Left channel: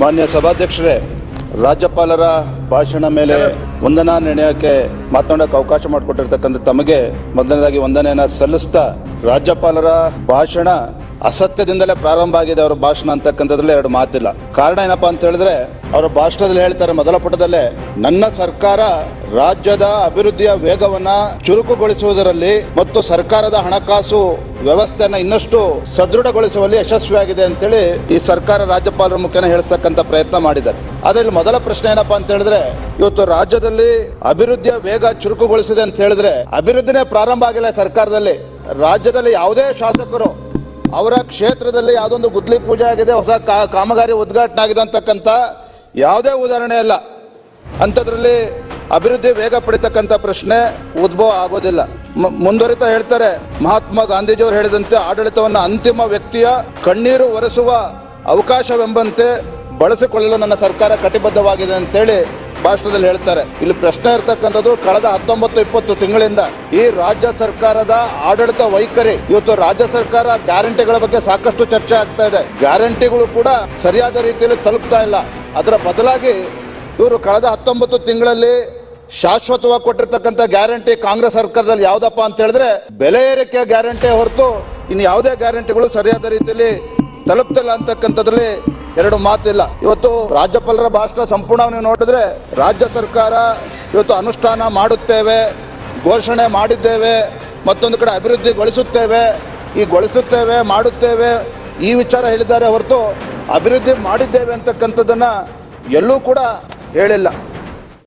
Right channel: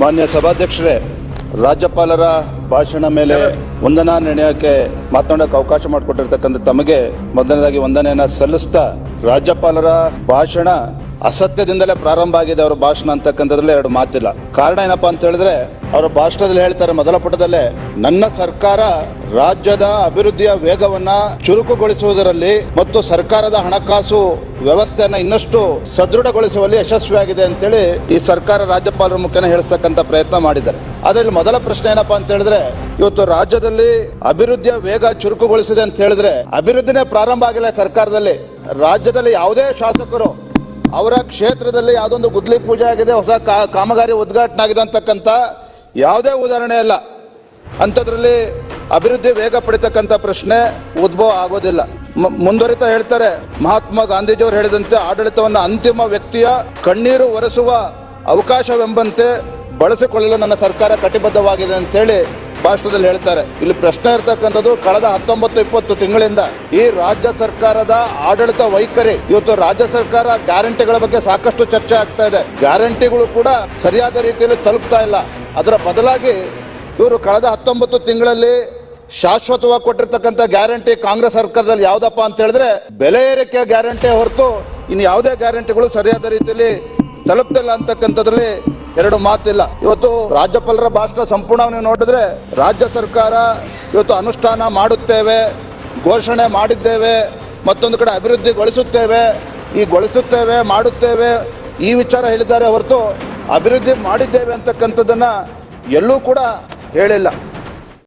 ಮಾನ್ಯ ಸಭಾಧ್ಯಕ್ಷರೇ, ರಾಜ್ಯಪಾಲರ ಭಾಷಣ ಮೇಲೆ ವಂದನಾ ನಿರ್ಣಯಕ್ಕೆ ಮಾತನಾಡಕ್ಕೆ ಅವಕಾಶ ಮಾಡಿಕೊಟ್ಟಿರ್ತಕ್ಕಂಥ ತಮಗೆ ಮೊದಲನೇದಾಗಿ ವಂದನೆಯನ್ನು ಸಲ್ಲಿಸ್ತಾ ರಾಜ್ಯಪಾಲರ ಭಾಷಣ ಅಸತ್ಯದಿಂದಲೇ ಪ್ರಾರಂಭ ಆಗಿದೆ. ಅವರ ಭಾಷಣ ಅಂತಕ್ಕಂಥದ್ರಲ್ಲಿ ಎರಡು ಮಾತಿಲ್ಲ. ಕಾರಣ ಏನಪ್ಪಾ ಅಂತ ಹೇಳಿದ್ರೆ, ಅವರ ಭಾಷಣದಲ್ಲಿ ಹೇಳ್ತಾರೆ ಮೊದಲ ಪುಟದಲ್ಲೇ, ನನ್ನ ಸರ್ಕಾರ ರಾಜ್ಯದ ಅಭಿವೃದ್ಧಿಯ ವೇಗವನ್ನ ಚುರುಕುಗೊಳಿಸುವುದರಲ್ಲಿ ಮತ್ತು ಸರ್ಕಾರದ ಹಣಕಾಸು ವ್ಯವಸ್ಥೆಯನ್ನ ಇನ್ನಷ್ಟು ಸದೃಢಗೊಳಿಸುವಲ್ಲಿ ಯಶಸ್ವಿಯಾಗಿದೆ ಅಂತೇಳಿ ಈ ಸರ್ಕಾರ ರಾಜ್ಯಪಾಲರ ಮುಖೇನ ಹೇಳಿಸ್ತಕ್ಕಂಥ ಪ್ರಯತ್ನ ಮಾಡಿದ್ದಾರೆ ಅದರಲ್ಲಿ ಮೊದಲ ಪ್ರಶ್ನೆ ಏನಪ್ಪಾ ಅಂತ ಹೇಳಿದ್ರೆ, ಇವತ್ತು ರಾಜ್ಯದಲ್ಲಿ ಅಭಿವೃದ್ಧಿಯ ವೇಗ ಚುರುಕುಗೊಳಿಸಿದೆ ಅಂತ ಹೇಳಿದ್ರೆ ಅಭಿವೃದ್ಧಿನೇ ಪ್ರಾರಂಭ ಆಗಿಲ್ಲ ಸರ್ಕಾರದಲ್ಲಿ. ರಾಜ್ಯದಲ್ಲಿ ಯಾವುದೇ ಶಾಸಕರು ಅವರ ಕ್ಷೇತ್ರದಲ್ಲಿ ಯಾವುದೊಂದು ಗುದ್ಲಿ ಪೂಜೆ ಆಗಿದೆ, ಹೊಸ ಕಾಮಗಾರಿ ಉದ್ಘಾಟನೆ ಆಗಿದೆ ಅಂತಕ್ಕಂಥ ಯಾವುದೇ ಉದಾಹರಣೆ ಇಲ್ಲ. ಅಂಥದ್ರಲ್ಲಿ ಅಭಿವೃದ್ಧಿ ವೇಗ ಪಡಿತಕ್ಕಂಥ ಪ್ರಶ್ನೆ ಉದ್ಭವ ಆಗೋದಿಲ್ಲ. ಮುಂದುವರಿತಾ ಹೇಳ್ತಾರೆ. ಮಹಾತ್ಮ ಗಾಂಧೀಜಿಯವರು ಹೇಳಿದಂತೆ ಆಡಳಿತವನ್ನು ಅಂತಿಮ ವ್ಯಕ್ತಿಯ ಕಣ್ಣೀರು ಒರೆಸುವ ಅವಕಾಶವೆಂಬಂತೆ ಬಳಸಿಕೊಳ್ಳಲು ನನ್ನ ಸರ್ಕಾರ ಕಟಿಬದ್ಧವಾಗಿದೆ ಅಂತೇಳಿ ಭಾಷಣದಲ್ಲಿ ಹೇಳ್ತಾರೆ. ಇಲ್ಲಿ ಪ್ರಶ್ನೆ ಇರ್ತಕ್ಕಂಥದ್ದು, ಕಳೆದ ಹತ್ತೊಂಬತ್ತು ಇಪ್ಪತ್ತು ತಿಂಗಳಿಂದ ಈ ರಾಜ್ಯ ಸರ್ಕಾರದ ಆಡಳಿತ ವೈಖರಿ, ಇವತ್ತು ರಾಜ್ಯ ಸರ್ಕಾರ ಗ್ಯಾರಂಟಿಗಳ ಬಗ್ಗೆ ಸಾಕಷ್ಟು ಚರ್ಚೆ ಆಗ್ತಾ ಇದೆ. ಗ್ಯಾರಂಟಿಗಳು ಕೂಡ ಸರಿಯಾದ ರೀತಿಯಲ್ಲಿ ತಲುಪ್ತಾ ಇಲ್ಲ. ಅದರ ಬದಲಾಗಿ ಇವರು ಕಳೆದ ಹತ್ತೊಂಬತ್ತು ತಿಂಗಳಲ್ಲಿ ಶಾಶ್ವತವಾಗಿ ಕೊಟ್ಟಿರ್ತಕ್ಕಂಥ ಗ್ಯಾರಂಟಿ ಕಾಂಗ್ರೆಸ್ ಸರ್ಕಾರದಲ್ಲಿ ಯಾವ್ದಪ್ಪ ಅಂತ ಹೇಳಿದ್ರೆ, ಬೆಲೆ ಏರಿಕೆ ಗ್ಯಾರಂಟಿ ಹೊರತು ಇನ್ನು ಯಾವುದೇ ಗ್ಯಾರಂಟಿಗಳು ಸರಿಯಾದ ರೀತಿಯಲ್ಲಿ ತಲುಪ್ತಿಲ್ಲ ಅಂತಕ್ಕಂಥದ್ರಲ್ಲಿ ಎರಡು ಮಾತಿಲ್ಲ. ಇವತ್ತು ರಾಜ್ಯಪಾಲರ ಭಾಷಣ ಸಂಪೂರ್ಣ ನೋಡಿದ್ರೆ, ರಾಜ್ಯ ಸರ್ಕಾರ ಇವತ್ತು ಅನುಷ್ಠಾನ ಮಾಡುತ್ತೇವೆ, ಘೋಷಣೆ ಮಾಡಿದ್ದೇವೆ, ಮತ್ತೊಂದು ಕಡೆ ಅಭಿವೃದ್ಧಿಗೊಳಿಸುತ್ತೇವೆ ಈ ಗೊಳಿಸುತ್ತೇವೆ, ಮಾಡುತ್ತೇವೆ, ಈ ವಿಚಾರ ಹೇಳಿದ್ದಾರೆ ಹೊರತು ಅಭಿವೃದ್ಧಿ ಮಾಡಿದ್ದೇವೆ ಅಂತಕ್ಕಂಥದ್ದನ್ನ ಎಲ್ಲೂ ಕೂಡ ಹೇಳಿಲ್ಲ.